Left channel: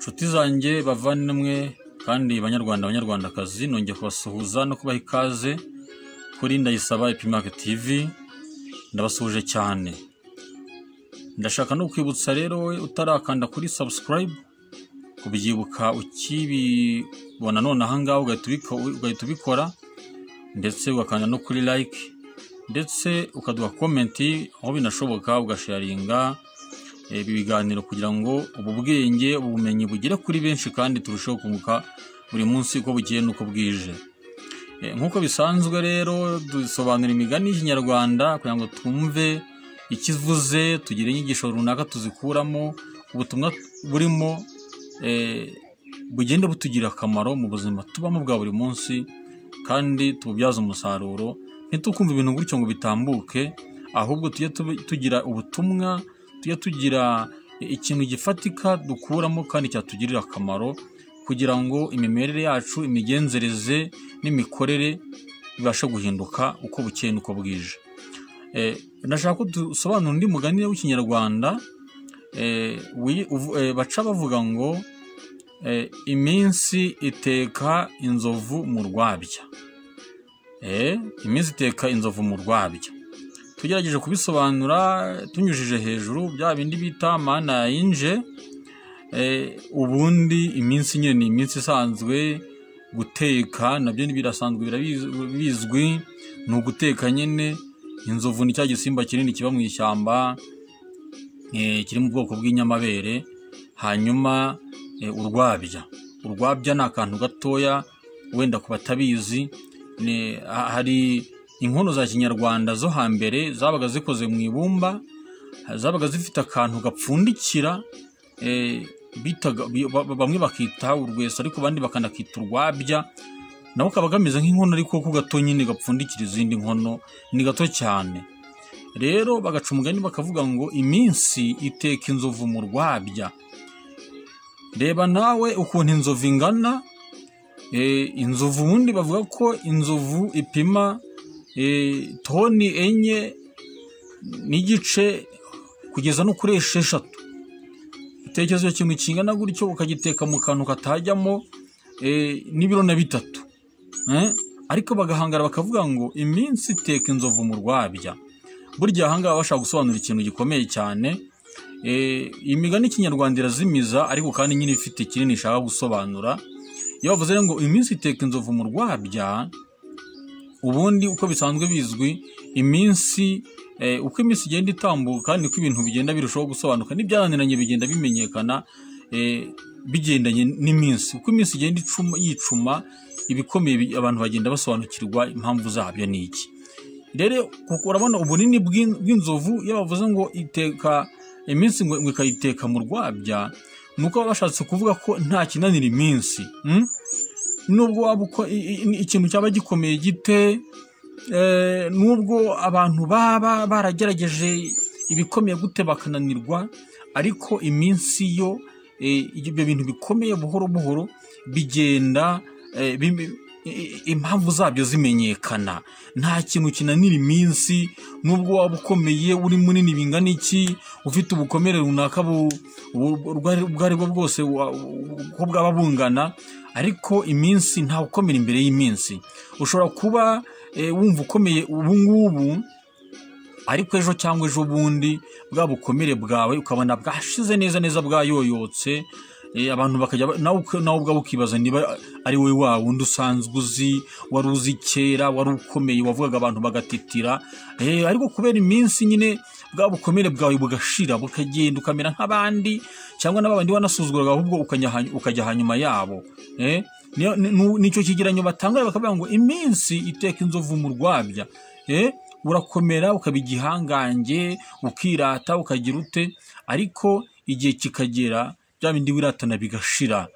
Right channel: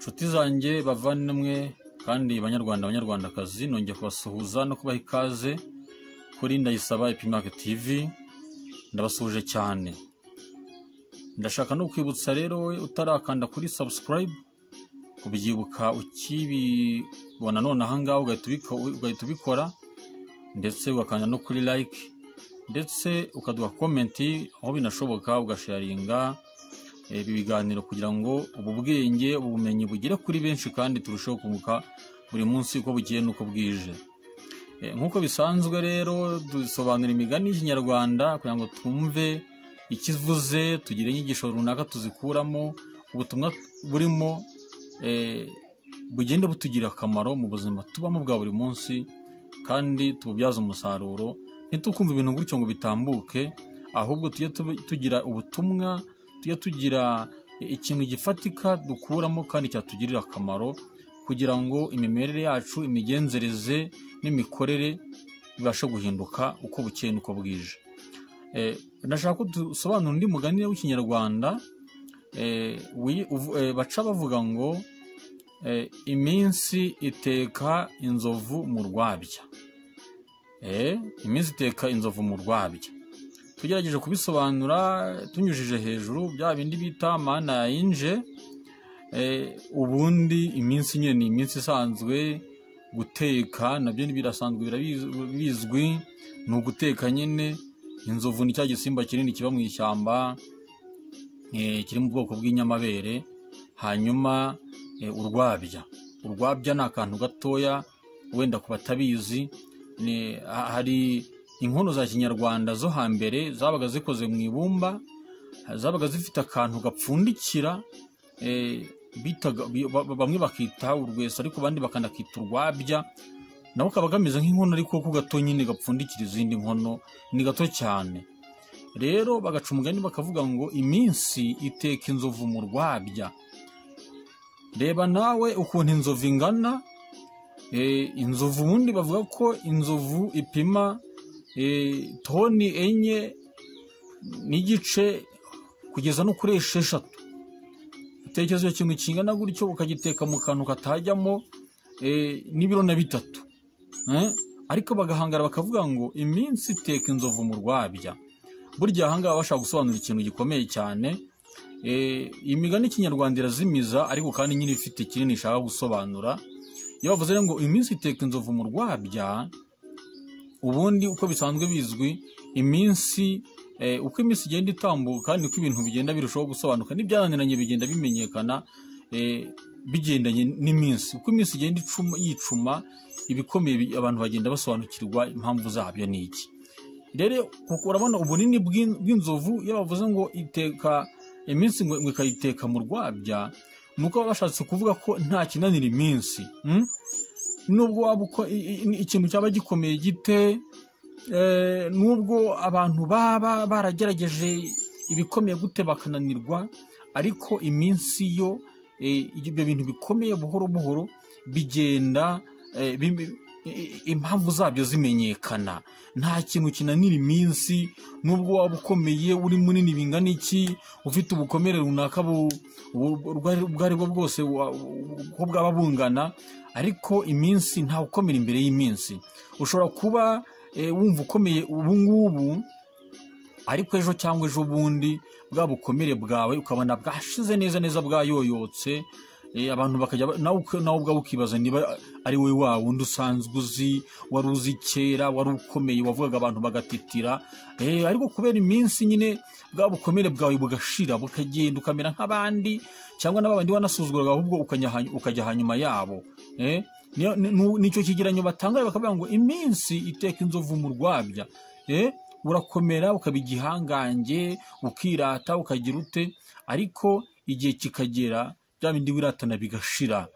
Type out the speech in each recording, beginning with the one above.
Inshuti zanjye bavandimwe kandi banyarwandakazi, nongeye kubasuhuza no kubaha ikaze kuri Ndayisaba Epimac TV. Ndabasuhuje cyane. Ndashaka no kwibutsa rero we utarakanda kuri subscribe kubyibuka ukibibona none aha ngaho ugahita ubikora, ndetse ugakanda no kuri like, ndetse ukaduha comment aho binashoboka, ugasharinga ibi biganiro kugira ngo ubu bwenge ubumenyi bugere kuri benshi kandi turusheho kunguka buri munsi uko bugiye nuko bwije. Nkuko bisanzwe rero dusobanura imigani y'Ikinyarwanda kugira ngo twumve ikivuze, tugire inyigisho runaka tuzikuramo, ubutumwa burimo bugende butugira akamaro mu buzima tubamo bwa buri munsi kandi tububyaza umusaruro. Ntitukumva ibintu gutyo ngo bitambuke, ahubwo tujye tugira ubutumwa, tujye tugira ikintu gifatika dukuramo kandi cyatugirira akamaro, kugira ngo imimerere yacu, imigenzereze n'imikorere bibashe guhinduka uko bukeye nuko bwije. Ndashaka ko dusobanura undi mugani w'Ikinyarwanda baca bavuga ngo iminsi iteka inzovu mu rwabya. Iminsi iteka inzovu mu rwabya. Tugerageje kubisobanura tunyujije hejuru bya bindi bita mana yinje. Ubundi iminsi nyine ni iminsi isanzwe, guteka nabyo birasanzwe bizwi, ni uguteka nyine. Inzovu ni cya gisimba kinini kiba mu ishyamba, kiri mu bwoko bw'inyamabere. Hanyuma urwabya ni akantu gatoya wenda ku batabizi. Hari inkono za Kinyarwanda zo hambere zabaga zikoze mu ibumba, zabaga zifite akantu gapfundikira, bamwe bakita urwesa ariko abandi bakanakita urwabya. Nabo kaba gameze nk'inkono ariko ko gato nyine gapfundikira izindi nkono, ni gato cyane. Rero bagaca umugani bakavuga ngo iminsi iteka inzovu mu rwabya. Reba nawe ukuntu inzovu ingana. Inzovu ubundi bavuga ko inzovu ipima toni 4 n'igice kugeza no kuri 6. Itekerezo kimwe kingana gutyo ukagiteka mu kantu katajyamo n'ibiro na 3. Ariko bagahangara bakavuga ngo iminsi iteka inzovu mu rwabya. Burya ahangaha bashaka gusobanura ikintu gikomeye cyane. Imigani y'Ikinyarwanda irazimiza ariko kandi nyine ifite kinini ishaka gusobanura. Iyo bavuze ngo iminsi iteka inzovu mu rwabya, ubundi uko bisanzwe bizwi, iminsi uko iminsi igenda itambuka niko ibintu bigenda birushaho gusobanuka, n'ibyananiranye bigenda bimenyekana bigendanye n'iminsi. Uko iminsi igenda yicuma, ibikomeye abantu bagenda basobanukirwa impamvu zabyo ni iki. Rero urabona ubunini bw'inzovu. Iyo bavuze ngo iteka iminsi ngo ikayiteka mu rwabya, nuko bashatse kuvuga ko nta kinanira iminsi. Nubwo waba uko ikintu cyaba gikomeye gite, nubwo abantu baba baragerageje ibikomeye gute bakananirwa, ariko iminsi yo ibyo bintu bikomeye buhoro buhoro bigenda impamvu zabyo zimenyekana. Nta kintu kinanira iminsi, nubwo waba ukomeye, uri munini bingana iki, ufite ubukomere runaka ubwo ari bwo bwose uko bwaba bungana, ariko iminsi nta ukomera imbere y'iminsi. Ushobora kuba wumva ukomeye ubu ngubu, ariko ejo cyangwa ejo bundi bwa bukomere bwawe ukabona bwashize neza bwayoyotse. Abantu bakajya nawe ubwawe ukibaza niba ari wowe wa wundi usanzwe uzi, wari uzi kera, wari ukomeye, wavugaga abantu bagatitira. Ariko kubera iminsi nyine bwa bukomere bwawe bugashira, bukagenda ukamera nk'abandi, cyangwa n'abandi wanasuzuguraga ahubwo ukajya hanyuma yabo. Nicyo kigeranyo batanga bakavuga ngo iminsi iteka inzovu mu rwabya. Urakomera ukaba igihangange, ukirata, ukagira ute, ariko igihe kikagera bya bindi wiratana bigashira.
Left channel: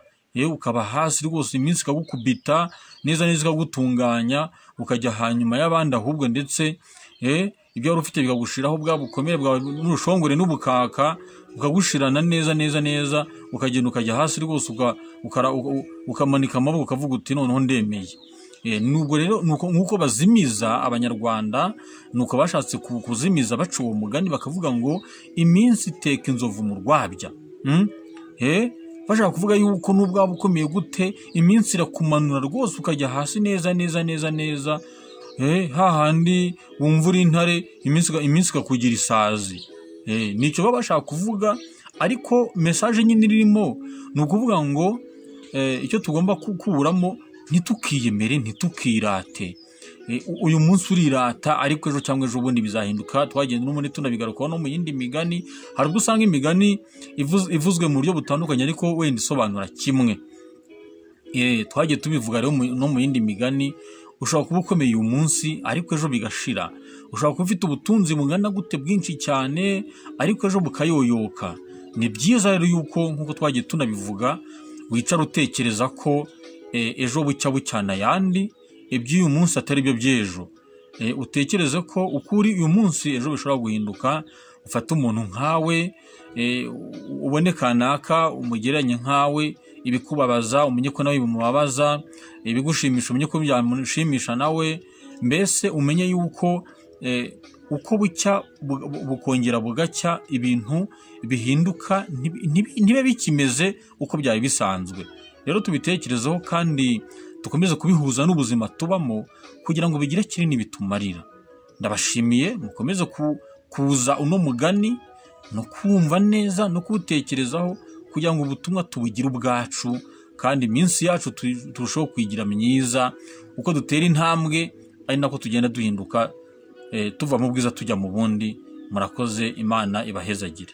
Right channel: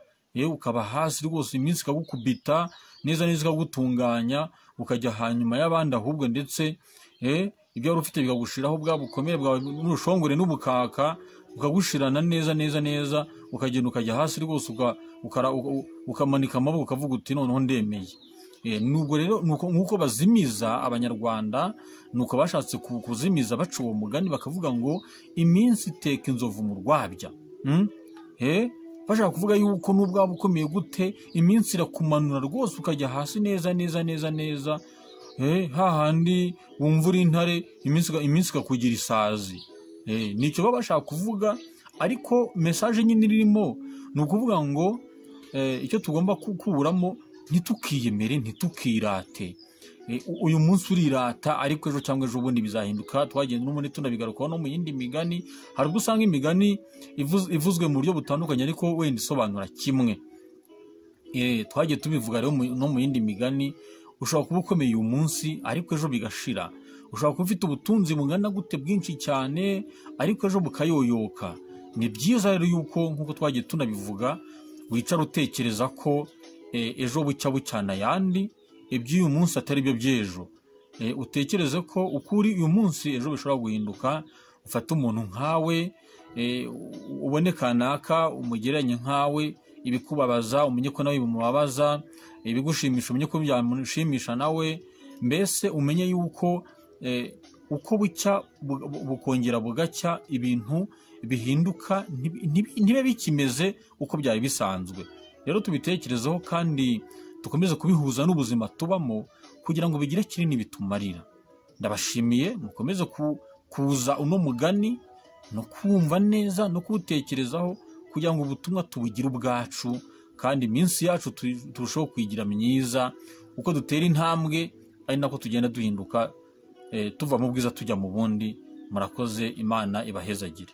Ukaba hasi rwose, iminsi ikagukubita neza ikagutunganya, ukajya hanyuma y'abandi ahubwo, ndetse ibyo wari ufite bikagushiraho, bwa bukomere bwawe n'urushongore n'ubukaka ukagushirana neza, ukagenda ukajya hasi rwose, ukamanika amaboko ukavuga uti noneho ndemeye. Nubwo rero nuko bazimiza Abanyarwanda, nuko bashatse kuzimiza baca uwo mugani bakavuga ngo iminsi iteka inzovu mu rwabya. bashaka kuvuga yuko nubwo waba ukomeye gute iminsi irakumanura rwose ukajya hasi neza neza neza neza, hahandi wumva uri intare iminsi ikakugira isazi. Nicyo baba bashaka kuvuga, ariko mesaje nyine irimo ni ukuvuga ngo icyo tugomba kukuramo, ntitukiyemere, ntitukirate. Uyu munsi urirata, ariko ejo cyangwa ejo bundi bizahinduka. Twagenda n'ubundi tunabigarukaho no mu yindi migani. Hari ubwo usanga imigani ivuzwe mu buryo butandukanye ariko wenda isobanura kimwe. Twagiye tubivuga rero no mu yindi migani. Ushobora kuba ukomeye uyu munsi ariko ejo bigashira. Ushobora kuba ufite ubutunzi bungana gute bwinshi cyane ariko ejo bukayoyoka. Ni byiza rero yuko nk'uko twagiye tunabivuga, wicara utekereza ko ejo bucya bucyana ayandi, iby'uyu munsi atari byo by'ejo. Utekereze ko ukuri uyu munsi ejo bishobora guhinduka. Ufate umuntu nkawe, ubone kanaka umugereranye nkawe, ibikubabaza umenye ko nawe bimubabaza, ibigushimisha umenye ko byamushimisha nawe. Mbese umenye yuko uko bucya bukongera bugacya, ibintu bihinduka, ntibe bikimeze uko byari bisanzwe. Rero tubitekerezeho kandi dukomeze kubihuza n'ubuzima tubamo kugira ngo bigire kinini bitumarira. Ndabashimiye, mukomeze kuza uno mugani no kumva neza no kuwutekerezaho kugira ngo ubutumwa tubugire ubwacu, kandi iminsi yacu turushaho kuyigira myiza. Uko dutera intambwe ari nako tugenda duhinduka, tuva mu bwiza tujya mu bundi. Murakoze, Imana ibahezagire.